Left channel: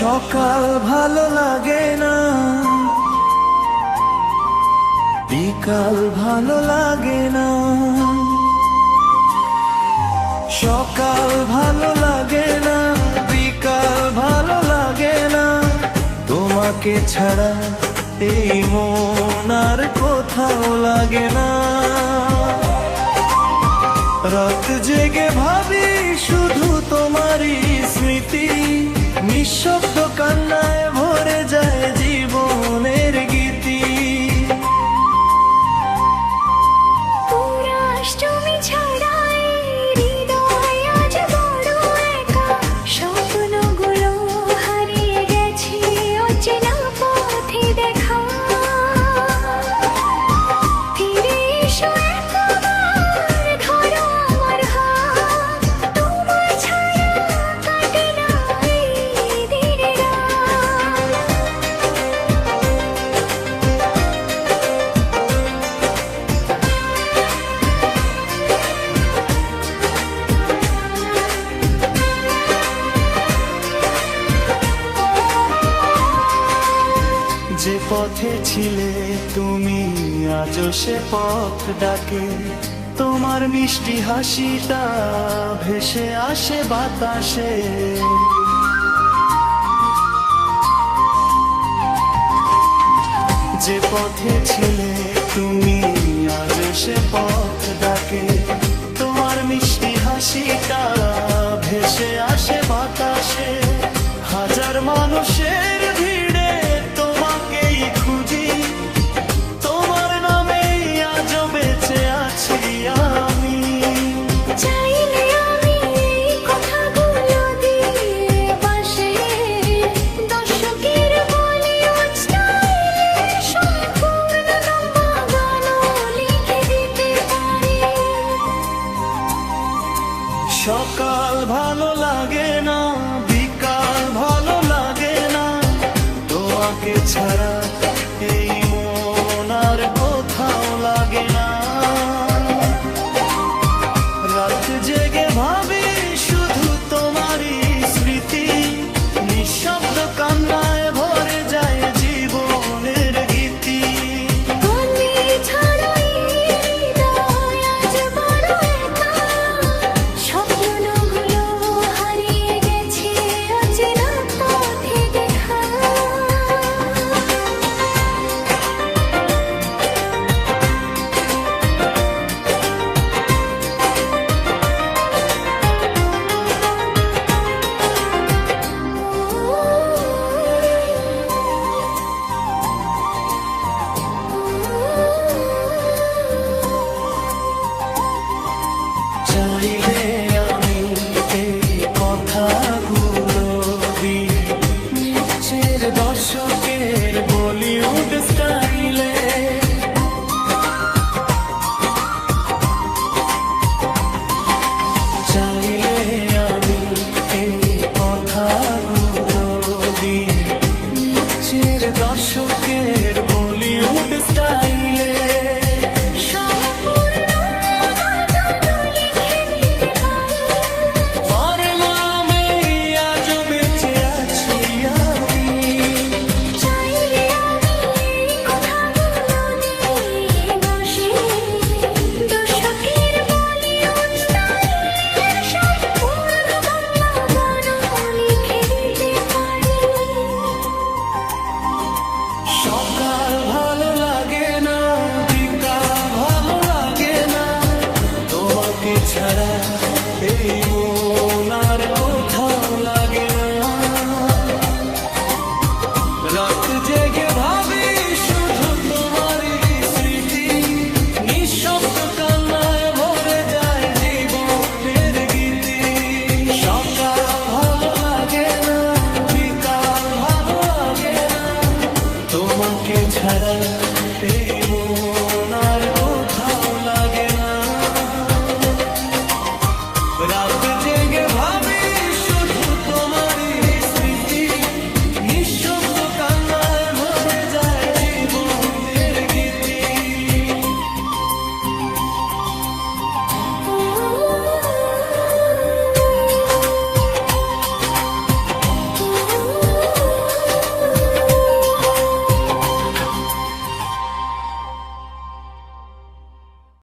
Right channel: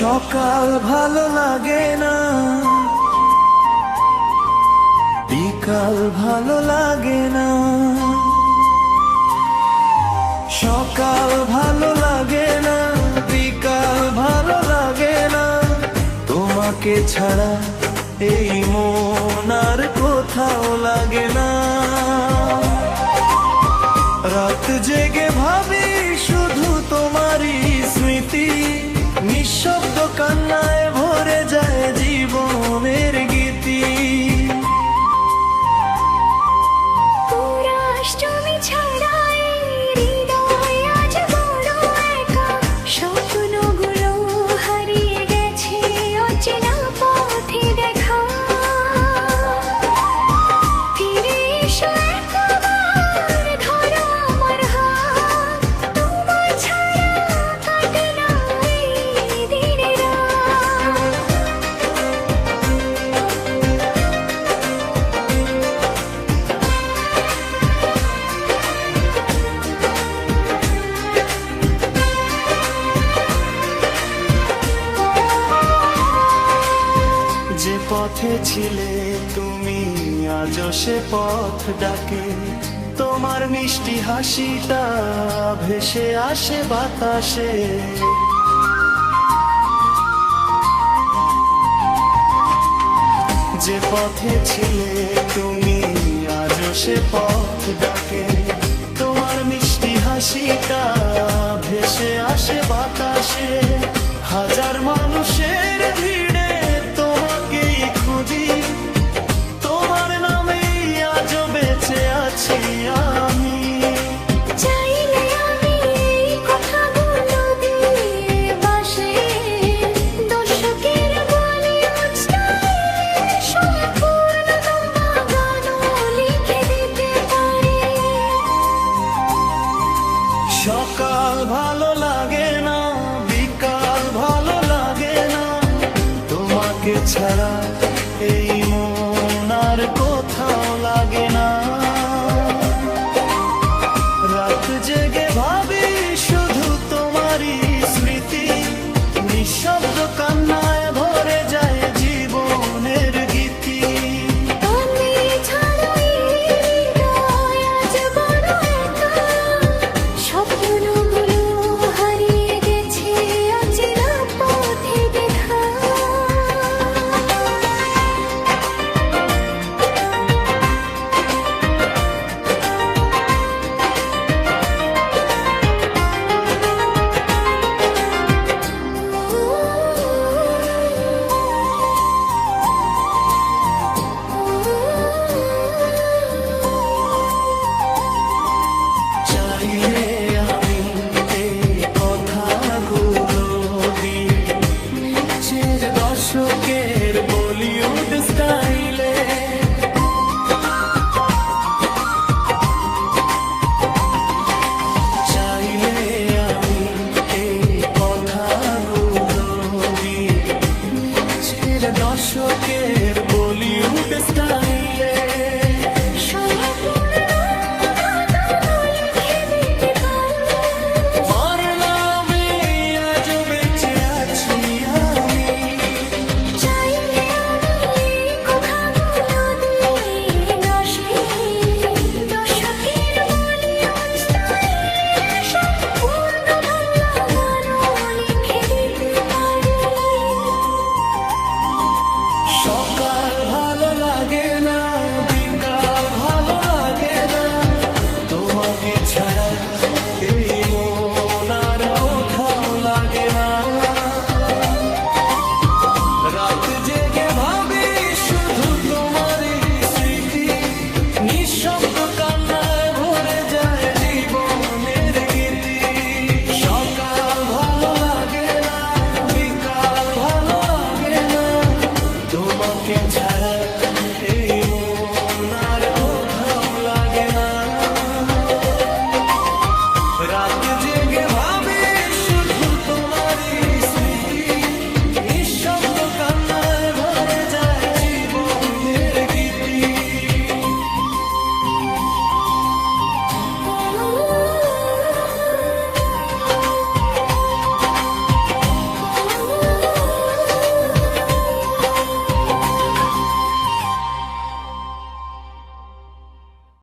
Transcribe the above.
সকাল ভালো লাগে না, বিকাল ভালো লাগে না। সকাল ভালো লাগে না, বিকাল ভালো লাগে না। তোমাকে ছাড়া এই মন আর কোথাও লাগে না। রাত জেগে ভাবি শুধু তোমারই স্মৃতি, নিঃশব্দ কান্নায় ভরে যায় জীবনের গীতি। পুরাষ্টমী ছাড়াই হৃদয় আজ বড় একা, স্বপ্নগুলো হারিয়ে গেছে অচেনা পথে দেখা। ফিরে এসো একবার, ধরো আমার হাত, তোমার ছাড়া কাটে না এই দিনের রাত। যে পথে ছিলে তুমি আজও সে পথ ডাকে, তোমার মিষ্টি হাসিটা ভেসে আসে বাতাসে। যে পথে ছিলে তুমি আজও সে পথ ডাকে, তোমার মিষ্টি হাসিটা ভেসে আসে বাতাসে। হাজার মানুষের ভিড়ে তোমাকেই খুঁজি, তোমার নামেই আজও বেঁচে আছি আমি। চাইলে আমি এই কথাগুলো দিয়ে বাসে দর্শকের বলিউড স্টাইলের সম্পূর্ণ লম্বা গানও লিখে দিতে পারি। সকাল ভালো লাগে না, বিকাল ভালো লাগে না। তোমাকে ছাড়া এই মন আর কোথাও লাগে না। রাত জেগে ভাবি শুধু তোমারই স্মৃতি, নিঃশব্দ কান্নায় ভরে যায় জীবনের গীতি। তুমি ছাড়াই হৃদয় আজ বড় একা, স্বপ্নগুলো হারিয়ে গেছে অচেনা পথে দেখা। চাইলে আমি এই কথাগুলো দিয়ে নিচের দশকের বলিউড স্টাইলে চাইলে আমি এই কথাগুলো দিয়ে নিচের দশকের বলিউড স্টাইলে সম্পূর্ণ গানও লিখে দিতে পারি। তোমার নামে আজও বেঁচে আছি আমি। চাইলে আমি এই কথাগুলো দিয়ে দর্শকের বলিউড স্টাইলের সম্পূর্ণ বাংলা গানও লিখে দিতে পারি। সকাল ভালো লাগে না, বিকাল ভালো লাগে না। তোমাকে ছাড়া এই মন আর কোথাও লাগে না। রাত জেগে ভাবি শুধু তোমারই স্মৃতি, নিঃশব্দ কান্নায় ভরে যায় জীবনের গীতি। সকাল ভালো লাগে না, বিকাল ভালো লাগে না। তোমাকে ছাড়া এই মন আর কোথাও লাগে না। রাত জেগে ভাবি শুধু তোমারই স্মৃতি, নিঃশব্দ কান্নায় ভরে যায়